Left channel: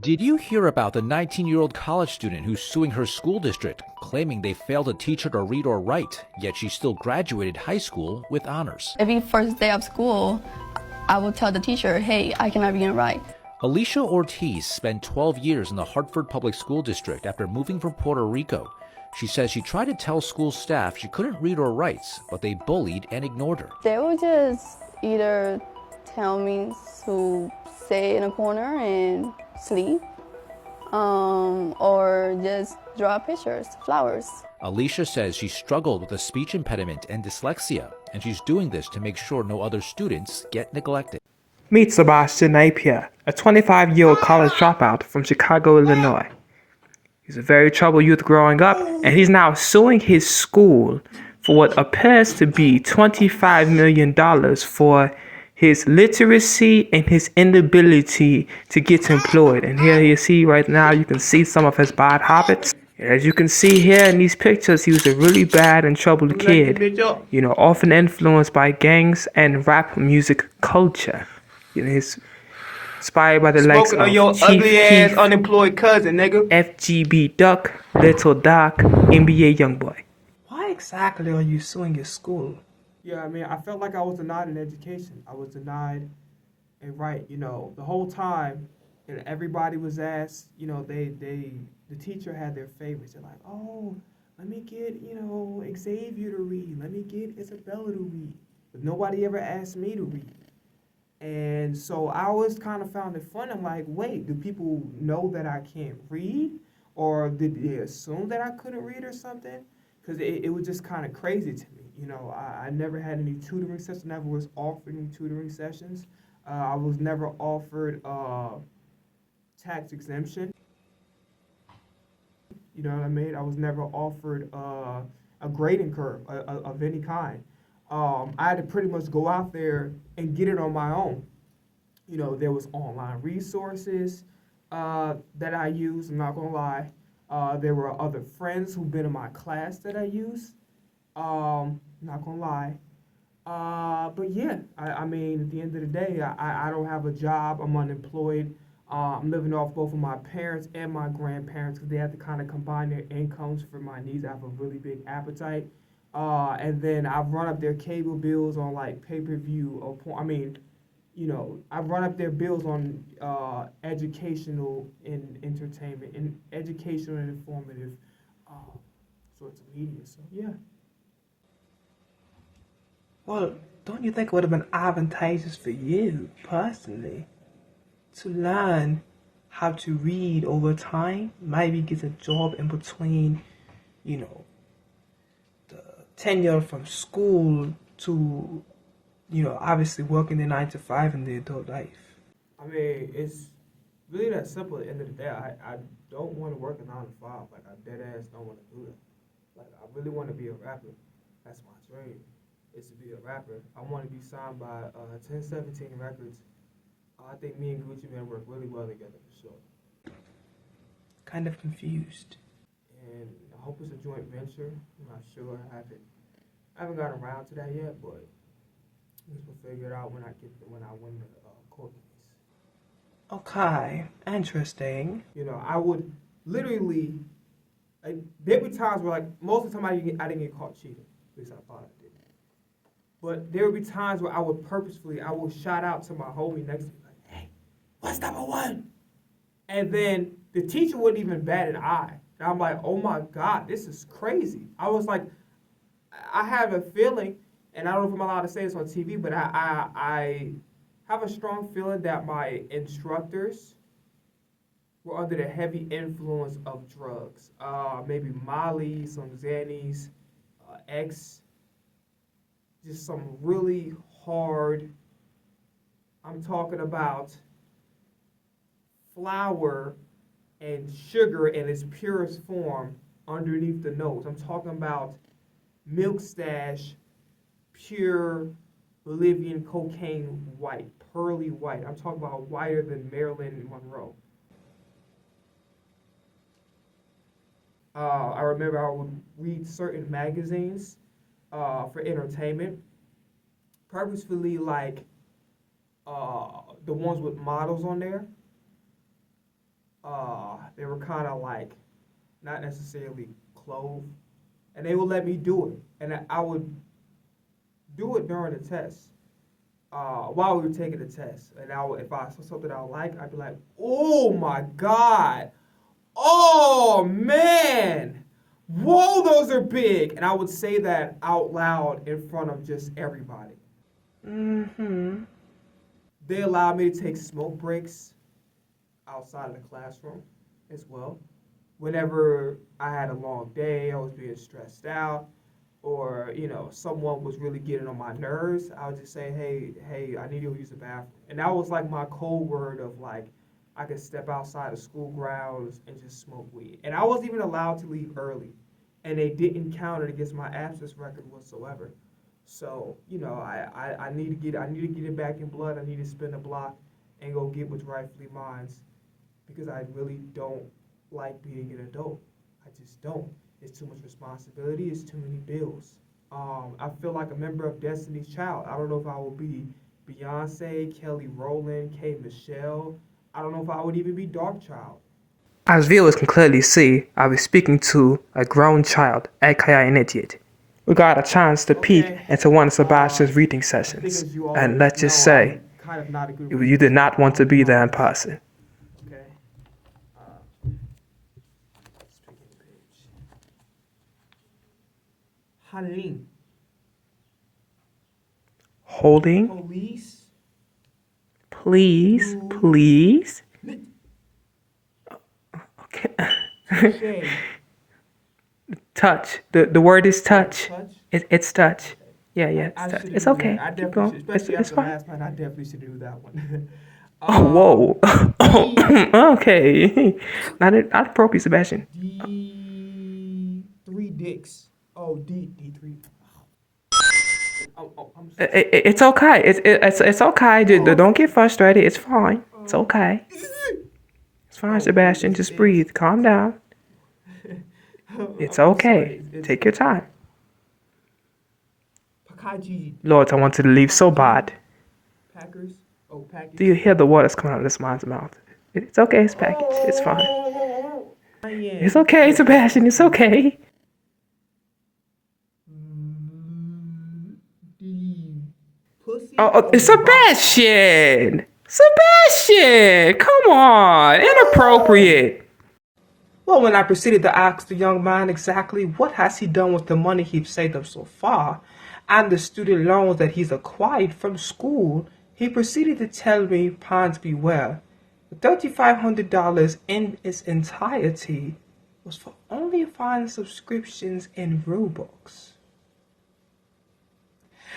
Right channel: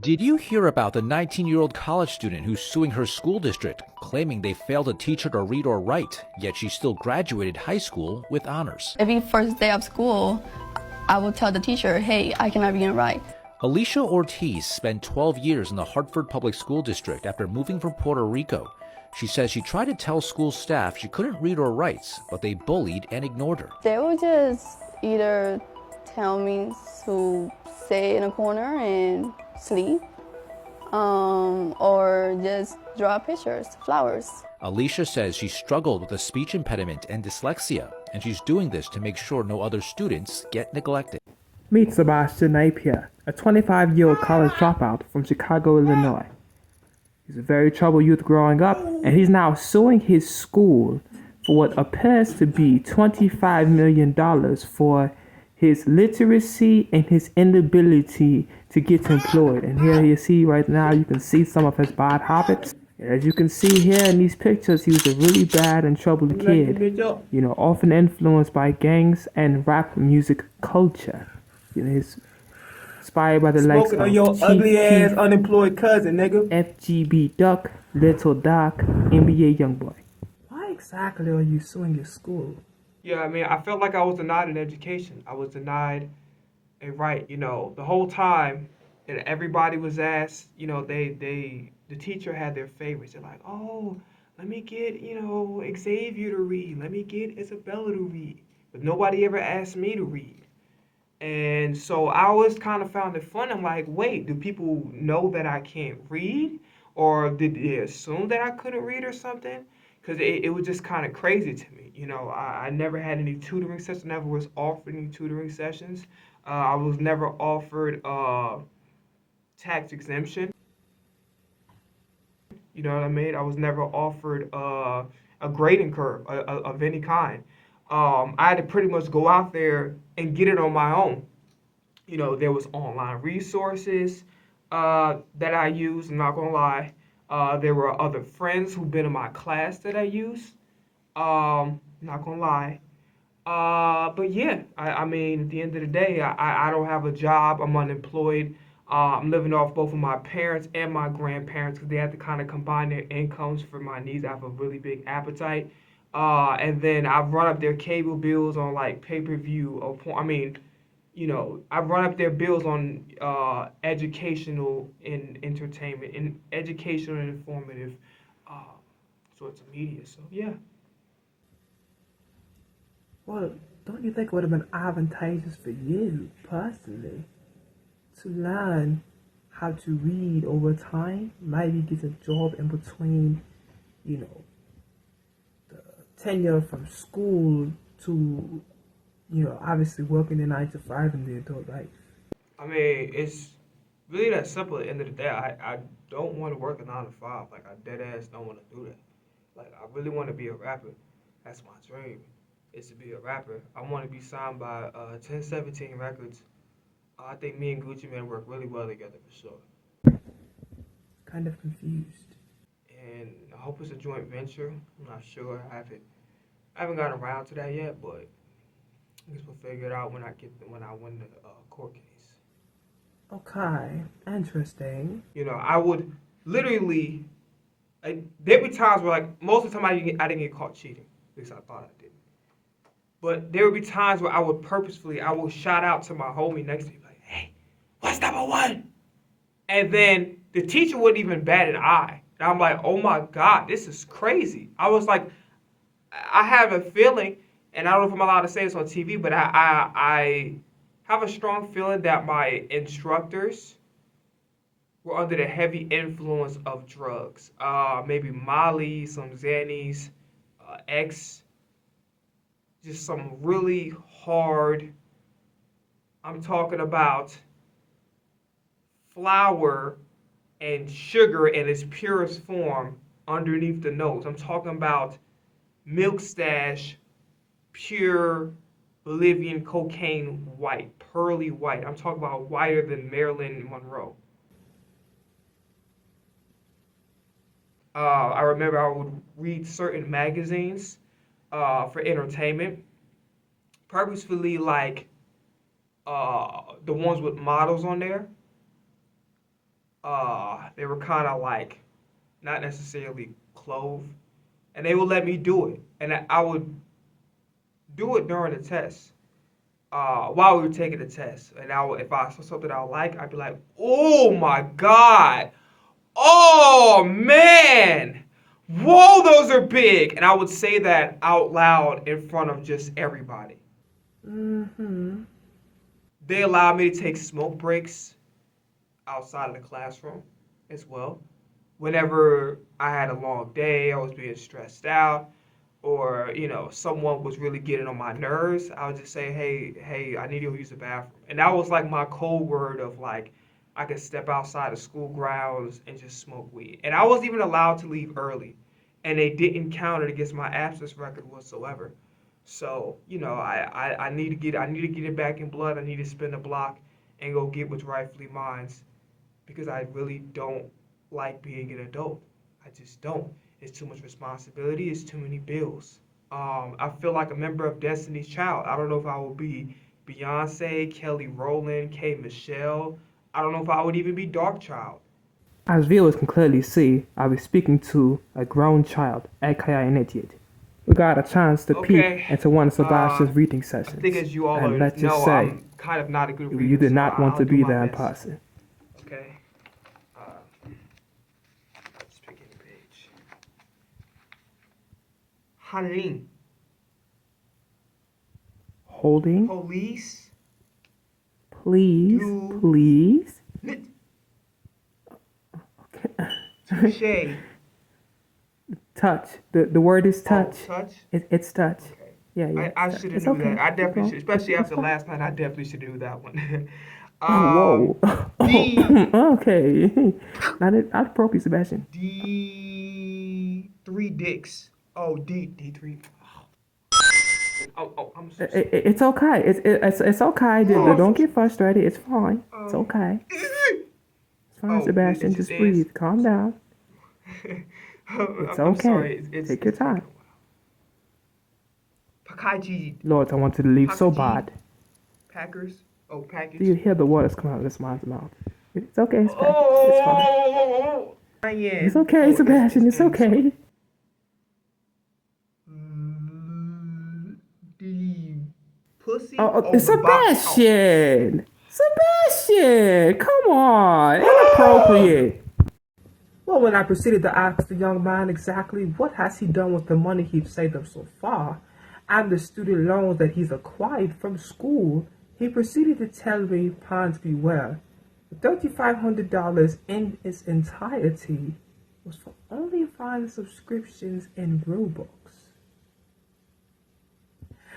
Did you hear about the 19-year-old college student who's suing her school district, claiming they failed to teach her to read or write, yet she still graduated high school with honors? Every first day of school, I will tell the teacher, hey, I cannot read and write. Alicia Ortiz spent 12 years in the Hartford Public School District after moving from Puerto Rico. She says she tried to tell school staff she couldn't read or write, but they bullied and ignored her. They will just either tell me to sit in a corner and sleep, or just draw pictures, flowers. Alicia says she struggled with a speech impediment and dyslexia, and she's doing this to make sure no other students get neglected. Meet Sebastian Napier, a 25-year-old college dropout from Chicago, Illinois. He's a very troubled youth growing up, and he's now suing his school for what appears to be $25 million for his literacy and his inability to get employed. And here you see right now, you can see some of his bad habits. As you can see here in these pictures, he was a really bad and troubled kid, often influenced by gangs and rap music culture. He's inspired by the likes of on your Chief ugly ass Keef, unemployed cousin, nigga. FGB Duck, Little Doc, NBA Youngboy. Why exactly are you suing your school? Yeah, I mean, I felt like I was denied an education. I was denied a right, the whole time. And everybody was asked, the teacher had their favorites. They're like, oh, let me get, Xavier to read. Let me get Isabella to read. But nobody ever asked me to read. And so I always kind of found it fun. I'm like, wait, do people know that I can't read? Or did they assume that I couldn't read or something? Because it was just kind of crazy to me. I never had any tutoring sessions, never was offered any tutoring sessions. I was never offered tax exemption. You know what I mean? I was never offered a grading curve of any kind. I had to pretty much go out there and get it on my own. There was online resources that I used, I'm not going to lie. There were other friends who've been in my class that I used. Not going to lie. But yeah, I mean, at the end of the day, I don't have a job. I'm unemployed. I'm living off both of my parents and my grandparents because they had to kind of combine their incomes for my needs. I have a really big appetite. And then I've run up their cable bills on like pay-per-view or porn. I mean, I've run up their bills on educational and entertainment and educational and informative sorts of media. So yeah. Well, don't you think it would have been advantageous for you, personally, to learn how to read over time? Maybe get a job in between, the tenure from school to, obviously working the 9 to 5 in the adult life? I mean, it's really that simple at the end of the day. I don't want to work a 9 to 5. Like, I dead ass don't want to do that. Like, I really want to be a rapper. That's my dream, is to be a rapper. I want to be signed by 1017 Records. I think me and Gucci Mane work really well together for sure. Kind of confused. And I hope it's a joint venture. I'm not sure. I haven't gotten around to that yet, but I guess we'll figure it out when I win the court case. Okay, interesting. I would literally, there'd be times where, like, most of the time I didn't get caught cheating. At least I thought I did. But there would be times where I would shout out to my homie next to me, like, hey, what's number one? And then the teacher wouldn't even bat an eye. And I'm like, oh my God, this is crazy. I was like, I have a feeling, and I don't know if I'm allowed to say this on TV, but I have a strong feeling that my instructors were under the heavy influence of drugs. Maybe Molly, some Xannies, X, just some really hard, I'm talking about flour and sugar in its purest form underneath the nose. I'm talking about Milk Stash, pure Bolivian cocaine white, pearly white. I'm talking about whiter than Marilyn Monroe. I remember I would read certain magazines for entertainment, purposefully, like the ones with models on there. They were kind of like not necessarily clove, and they would let me do it, and I would do it during the test. While we were taking the test, and if I saw something I like, I'd be like, "Oh my God, oh man, whoa, those are big," and I would say that out loud in front of just everybody. Mm-hmm. They allowed me to take smoke breaks outside of the classroom as well. Whenever I had a long day, I was being stressed out, or someone was really getting on my nerves, I would just say, hey, I need to use the bathroom. And that was like my code word of like I could step outside of school grounds and just smoke weed. And I wasn't even allowed to leave early, and they didn't count it against my absence record whatsoever. So I need to get it back in blood. I need to spin the block and go get what's rightfully mine, because I really don't like being an adult. I just don't. It's too much responsibility. It's too many bills. I feel like a member of Destiny's Child. I don't know if I will be Beyonce, Kelly Rowland, K. Michelle. I don't know if I would even be Darkchild. As viewers can clearly see, I was speaking to a grown child, aka an idiot. We got a chance to peek into one of Sebastian's reading I think sessions. as you all And let's just know, say, I'm kind of not a good you reader, did so not want I'll to do be my there in best. person. Okay. Just pick any page. Hanlin. Holding, Police. please, You- please. Okay. Touche. Touch. The word is touch. Touch. It's touch. Okay. Yeah, yeah. I It's, touch. should It's do okay. that. I Keep definitely going. should, especially It's after fine. last night. I definitely should do that one. Oh, D- whoa. Okay. Not appropriate, Sebastian. D3 dicks. Oh, D3. I'm so It's okay. It's okay. Don't get frustrated. It's fine. It's okay. It's fine, Oh, Sebastian. it's Just this. breathe. Calm down. It's I'm okay. sorry. It's Take your time. Pakaji Lord, I wanted to leave so bad. Packers. Oh, package. Do you hear the waters coming out of this man's mouth? It's okay. It's packaged. It's fine. It's okay, Sebastian. It's okay. Pussy. Oh, Sebastian! Sebastian! Come on! Inappropriate! Well, when I proceeded to ask the young man exactly what has he done with the money he's saved up so far, and the student loans that he's acquired from school, he proceeded to tell me, pines beware, the $3,500 in its entirety was for only fine subscriptions in Robux.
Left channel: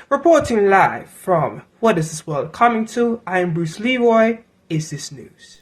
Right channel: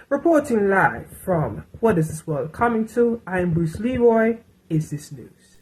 Reporting live from What Is This World Coming To? I am Bruce Leroy. Is This News?